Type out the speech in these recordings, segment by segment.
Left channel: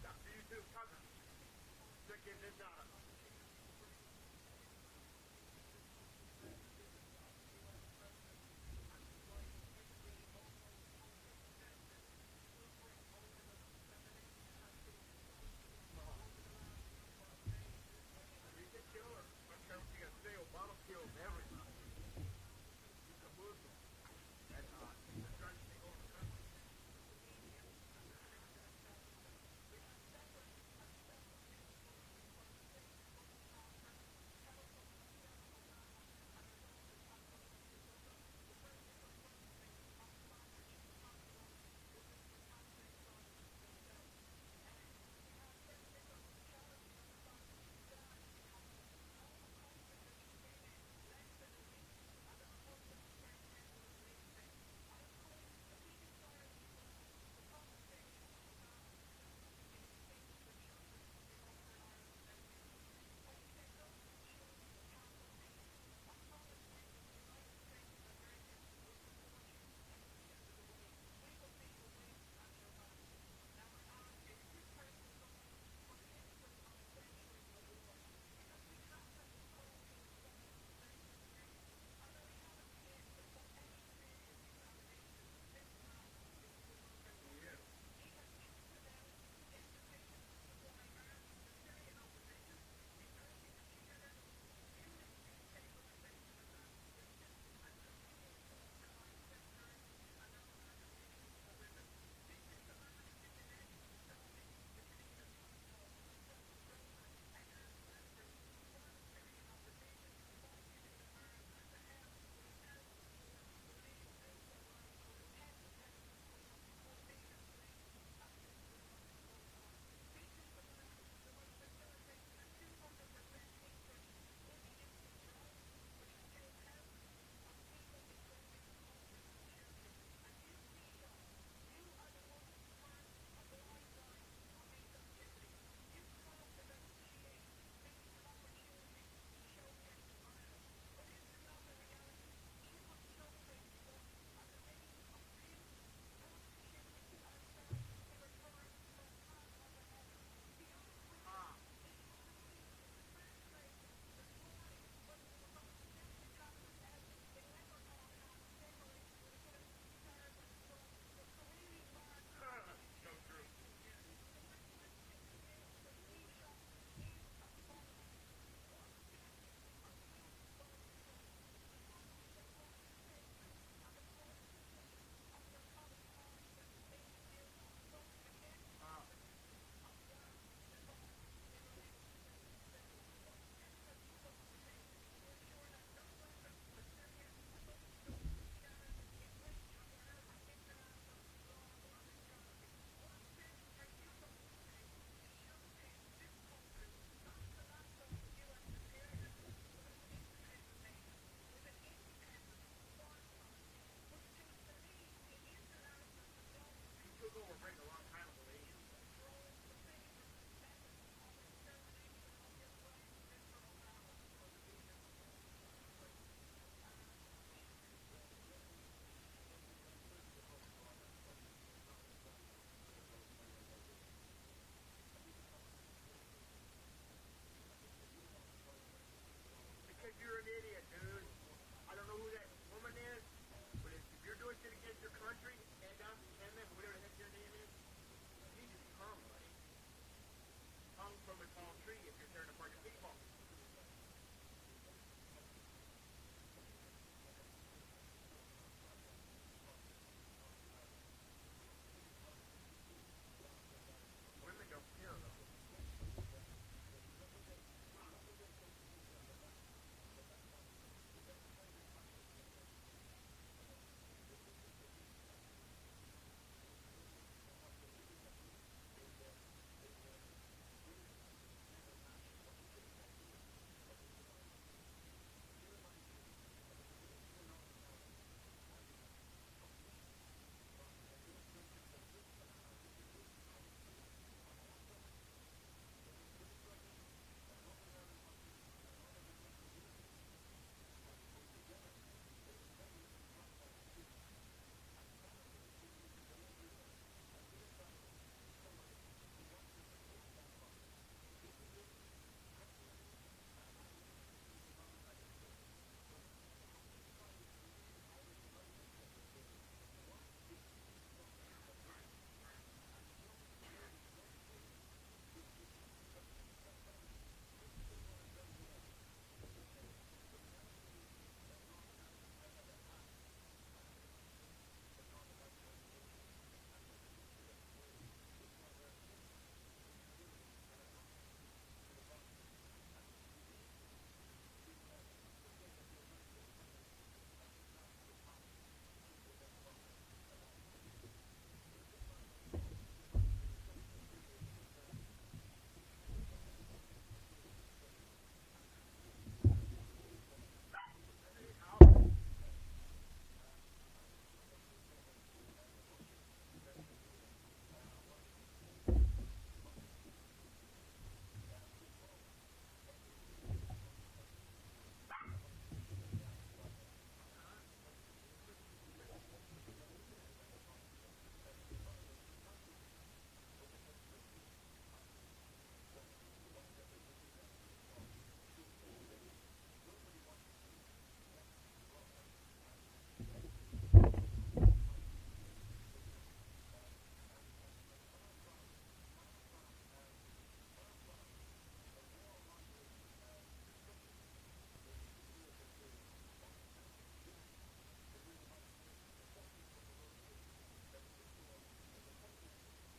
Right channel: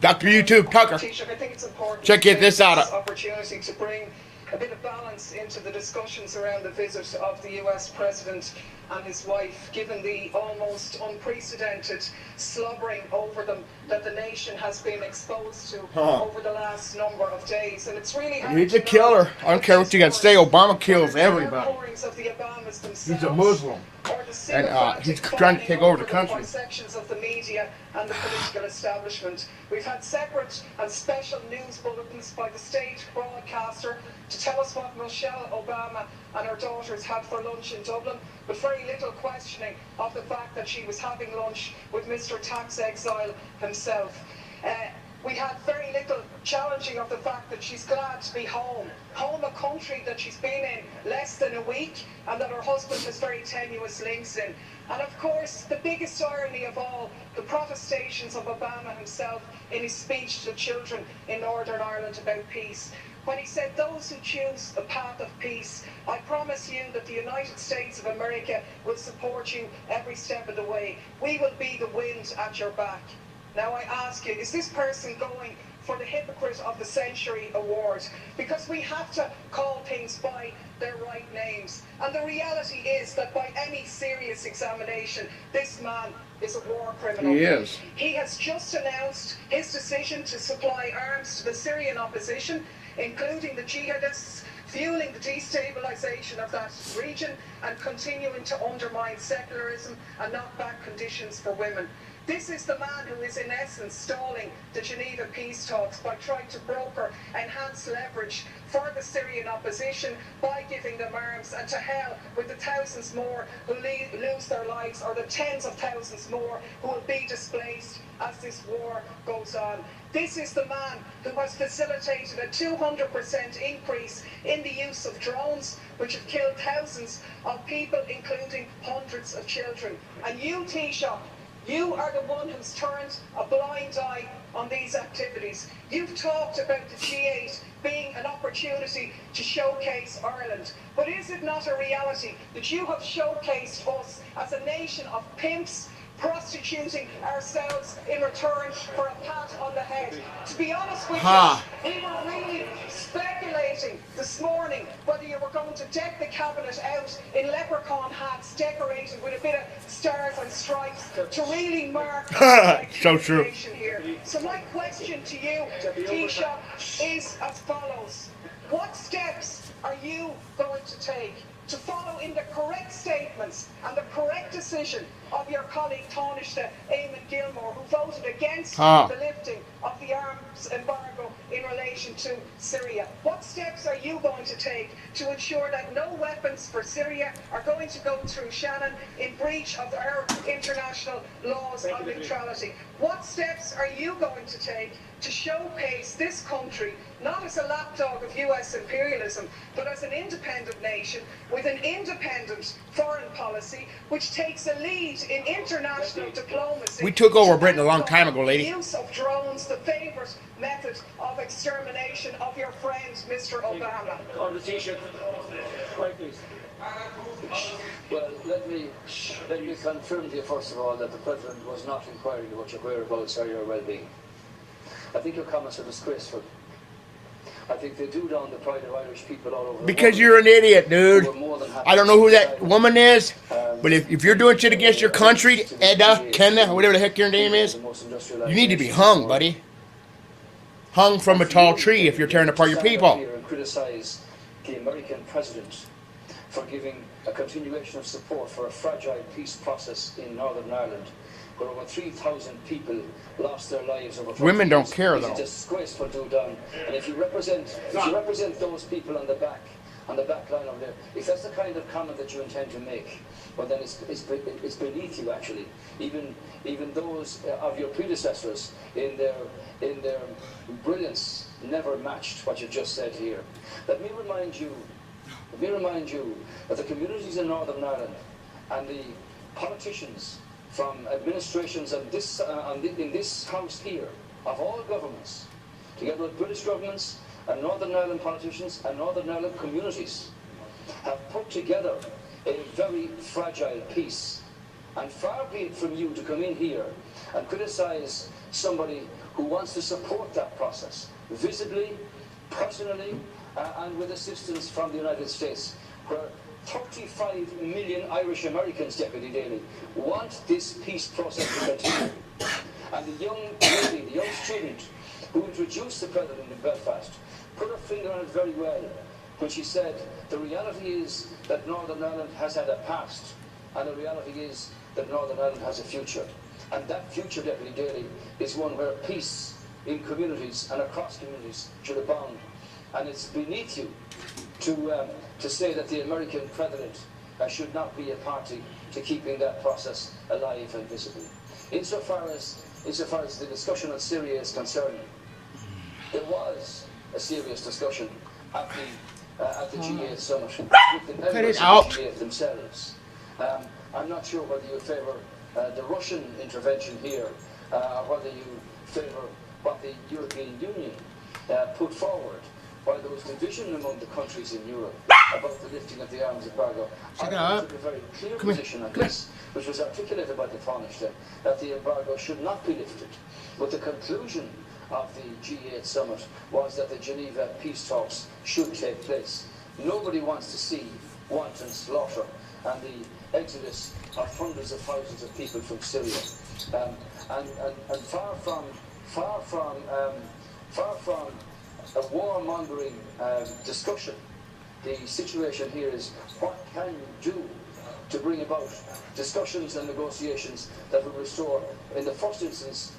Dr. YouTube Tucker. Taoiseach, I think it's important Check to this out. opportunity to bring a bit of balance into the discussions around the visit of the US President and his wife, given the almost unprecedented slobbering over them that the nation has been exposed to over the last number of days. And it's really hard. He's a killer. I don't care what you got to say. Obama kills everybody. He's a Muslim. And he's trying to take over the country. Sections of the media and the political establishment. We've had separate and special news bulletins by the state broadcaster to tell us what Michelle Obama and her daughters had for lunch in Dublin, but very little questioning of the fact that she was having lunch with Mr. Tax Exile himself. We had very little challenging of the fact that she's glad to be home a country that she's been in less than a week and that her husband has very tenuous links in. And of course, the biggest irony of all, the protestations of Obama himself in his speech to children in Northern Ireland about peace, when he said, those who choose the path of peace, I promise you that the United States of America will support you every step of the way. We will be the wind at your back. Now I ask you, is this person going for the Hypocrite of the Century award? Because we have to call things by their right names. And the reality is that by any serious examination, this man is a war criminal. He is. He has just announced his decision to supply arms to the Syrian opposition, including the jihadists, fueling the destabilization of that region and continuing to undermine secularism and knock back conditions for women. This is the man who is in essence stalling the Geneva peace talks by trying to broker enhanced leverage for the Syrian opposition by giving them arms, and to hell with the thousands more who lose their lives, or the tens of thousands more who will be displaced as this war goes on. This is the man who has facilitated a 200% increase in the use of drones, which have killed thousands of people, including hundreds of children. And you, Taoiseach, you are the one who's turned a blind eye on these activities. You've talked about the G8 being an opportunity to showcase Ireland. But is it not a reality that you have showcased us as a nation of pimps, prostituting ourselves in return for a pat on the head? To be honest with you, we were really speculating this morning whether you were going to deck the cabinet out in leprechaun hats decorated with a bit of stars and stripes to really mark so true. Here. So my question to you, Taoiseach, is as follows. What steps are you going to take to follow in the correct statements and the correct decision of your colleague Taoiseach Eamon Gilmore, who voted against the lifting of the arms embargo in relation to Syria? What steps are you going to take to ensure that no weapons for Syria are going to go through Shannon in breach of our international laws of neutrality? What steps are you going to take to showcase this country not as a lapdog of US imperialism, but as an independent nation with an independent foreign policy which takes a lead in international diplomacy? We took over Britain a long time ago, lady. The use of drones, the favourite method of extermination of your friend, Mr. Obama. On the Taoiseach, right, please. Well, let me confirm to you first of all that the President was not inquiring about your whereabouts or your well-being. I think your comments are disgraceful. I think they do down the pride of Irish people all over the world. Because you're an idiot, dude. I don't know who that woman is, but if you're doing shit against your country, Edda, Kenna, whatever the heck your name is, you need to be hung, buddy. Hung from a tall tree if you're tearing apart your people. And criticize the American president for giving a continuation of support for a fragile peace process in Northern Ireland, where over 3,000 people lost their lives over. Women don't care, though. It's disgraceful, Dudan. And if you represent those people on the back line of there, if that's the kind of comment that you intend to make, well then it's beneath you actually. Even those of your predecessors in their brilliance never matched what you just said here. Let me remind you that the communities in Northern Ireland and the politicians from administrations of this, in this House here, of all governments, together with British governments and Northern Ireland politicians and Northern Ireland communities, have put together a very fragile peace. And far be it from you to come in here and criticise somebody who wants to support that process, visibly, personally, and with assistance from the United States, where 35 million Irish Americans, Deputy Daly, want this peace process to continue. And the young lady, the young student who introduced the President in Belfast, put her finger on it very well when she said, the reality is that Northern Ireland has had a past, and the reality is that Northern Ireland has a future. And that future, Deputy Daly, is one where peace in communities and across communities should abound. And it's beneath you to say that the American President should not be a party to keeping that process alive and visible. Insofar as the discussion on Syria is concerned, there was a serious discussion at the G8 summit with the members of the G8 themselves. I'm not sure whether you favour the Russian intervention here, or whether you favour what the European Union put forward, while there was division among the countries in Europe about the lifting of the arms embargo. I took a very clear position on this, which was articulated by the Taoiseach, that the embargo should not be lifted. But the conclusion of the G8 summit was that the Geneva peace talks should take place. Nobody wants to see wanton slaughter and the exodus of hundreds of thousands of people from Syria. And far from a warmongering discussion, the situation here is what can you do to bring about discussions and negotiations that will restore, in the first instance,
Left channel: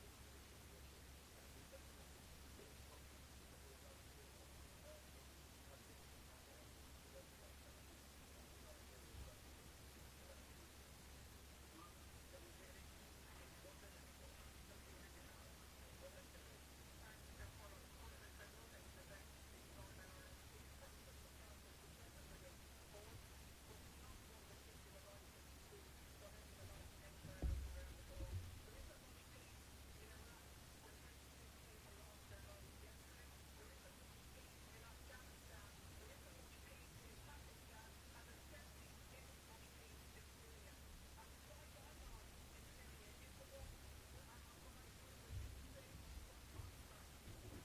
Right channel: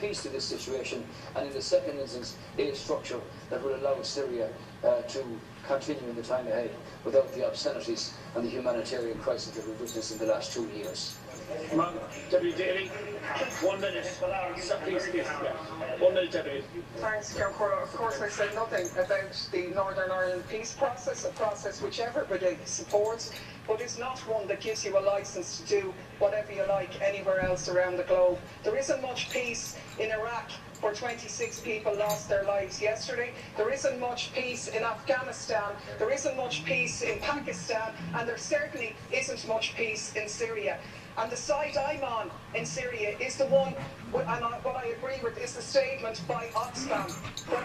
peace to this situation, and in the second instance, a structure that will allow Syria to continue in the time ahead without the obscenities and the humanitarian crisis that we've witnessed in the last 2 years. Deputy Daly, 1 minute. Please, 1 minute, Deputy. Thanks, Councillor. Of course, I said nothing about the Northern Ireland peace process, a process which everybody supports, but it's not one that gives you a licence to do whatever you like anywhere else around the globe. There isn't much peace in Iraq, where 26 people lost their lives yesterday. There isn't much peace in Afghanistan. There isn't much peace in Pakistan. And there certainly isn't much peace in Syria. And the side I'm on in Syria is the one, and what I agree with is the statement by Oxfam, where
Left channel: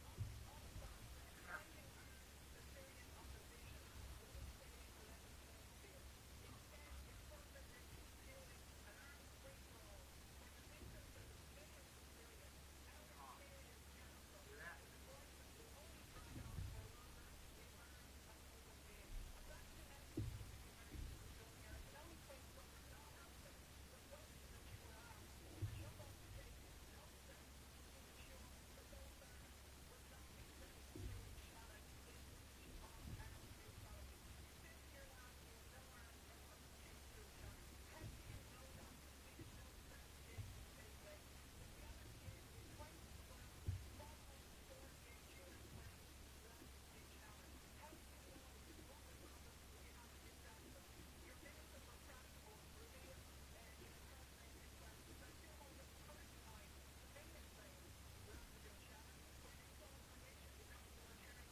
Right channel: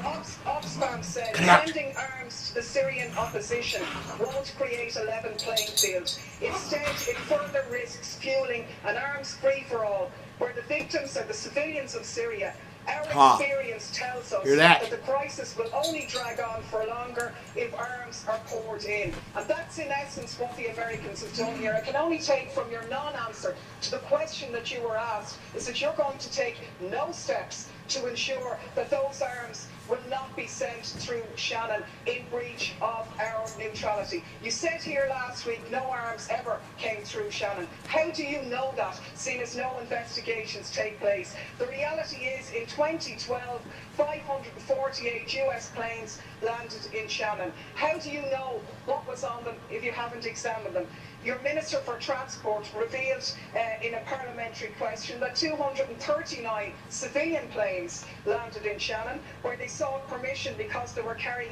Oxfam said sending arms to the Syrian opposition won't create a level playing field. Instead, it further risks fueling an arms free-for-all, where the victims are the civilians of Syria. Our experience tells us that the crisis will only drag on for longer if arms are poured in. And that's in essence what the Americans have done here. I can only take from your non-answer to the question that you were asked, is that you're going to take no steps to ensure that those arms will not be sent through Shannon in breach of our neutrality. You said here last week no arms ever came through Shannon. How do you know that, seeing as no investigations take place? The reality is, in 2012, 548 US planes landed in Shannon. How do you know what was on them if you haven't examined them? Your Minister for Transport revealed in a parliamentary question that 239 civilian planes landed in Shannon, where they sought permission because they were carrying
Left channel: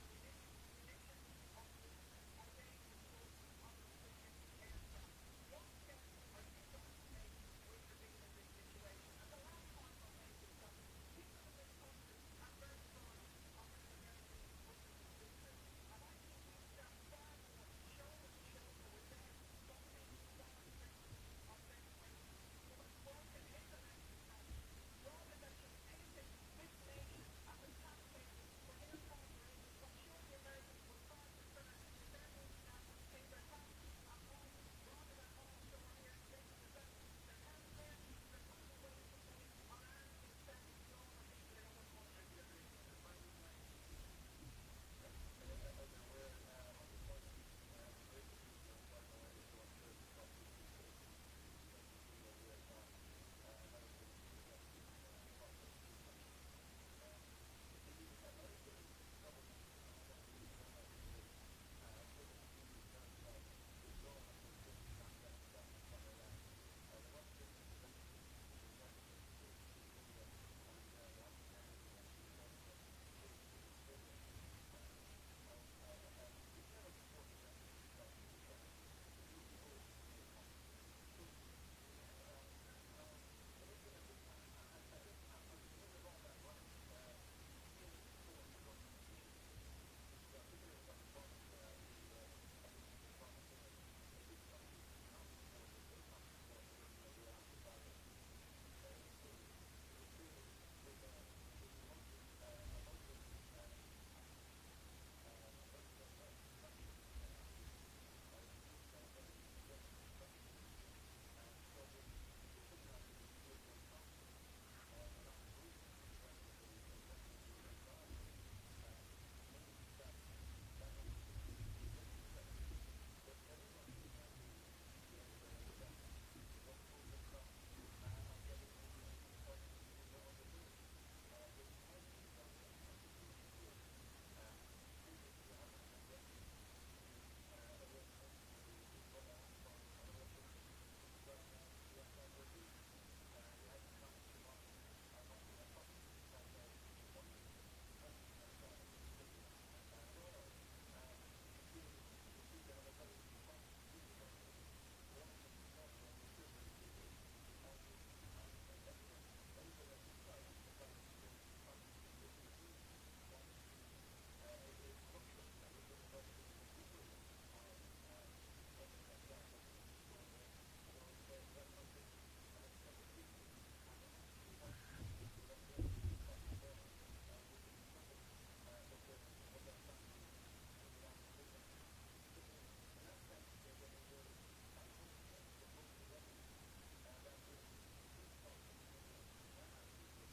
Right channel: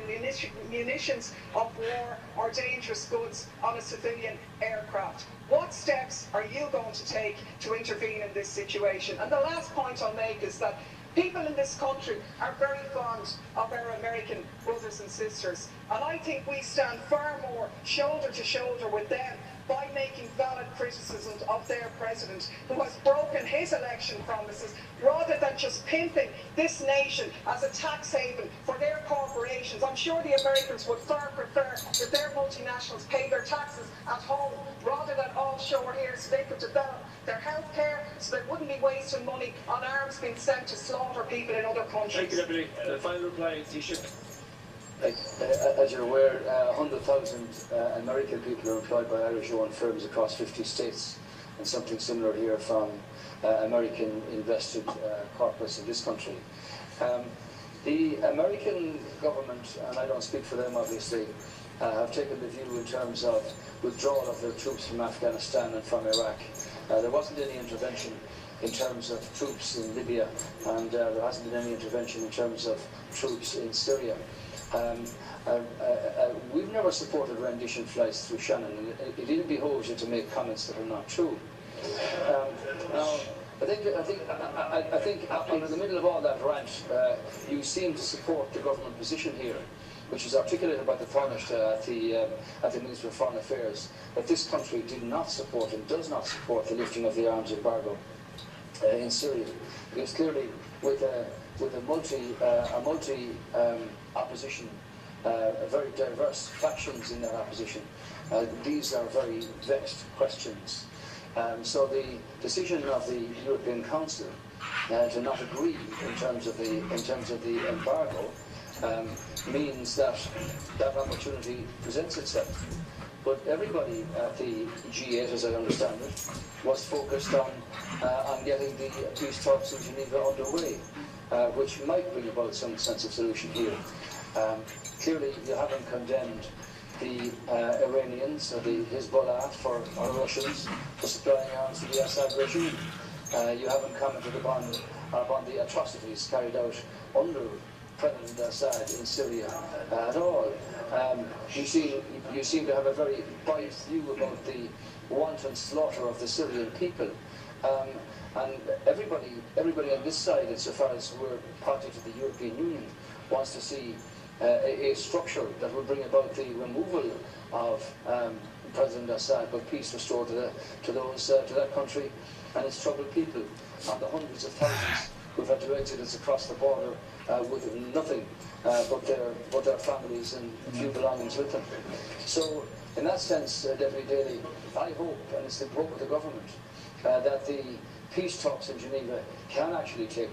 munitions of war or dangerous goods on a civilian aircraft. What steps are you going to take to intervene in this situation? And the last point I'll make is that people in this country are very fond of our American brothers and sisters, and I think we stand far more shoulder to shoulder with them by making valid criticisms of their president, who has broken his election promises, rather than just pimping this nation as a tax haven for their corporations. I'm sure the Americans would far prefer that their multinationals pay their taxes at home rather than offshore here, so they could develop their health care, so they wouldn't be wasting money on arms being sent to slaughter people in other countries. Thank you, Deputy. Final reply, Taoiseach. As you're aware, 100,000 American people are employed by Irish-owned firms across 50 states, and something similar here from American invested corporates in this country. The American government, and I don't speak for them obviously, have taken the view in terms of withdrawal of their troops from Afghanistan and from Iraq. There wasn't any intervention in terms of troops in Libya, and there hasn't been any intervention in terms of troops in Syria. We've never supported rendition flights through Shannon, and it even behoves you to make comments that are not true. Now, in the middle of all that rant, you seem to support the government position here, which is articulated by the Taoiseach at the Ministry of Foreign Affairs, that this country did not support and does not support the lifting of the arms embargo in Syria, because clearly with a multi opposition, very diverse factions in that opposition, these are very vexed questions. So the decision of the European Council to not agree in terms of the embargo means that that opportunity presents itself. But everybody at the G8, as I understand it, was focused on getting the peace talks in Geneva underway, which might bring about some sense of solution here. Clearly, you haven't condemned the Iranians or the Hezbollah or Russians for supplying arms to the Assad regime. You haven't commented upon the atrocities carried out under President Assad in Syria at all. You seem to have a very biased view about the wanton slaughter of the Syrian people. And everybody on this side, insofar as we're party to the European Union, wants to see a structure that will bring about the removal of President Assad, but peace restored to that country and its troubled people, and the hundreds of thousands who've had to exit us across the border with nothing but their families and few belongings with them. So, in that sense, Deputy Daly, I hope, and it's the hope of the government, that the peace talks in Geneva can actually take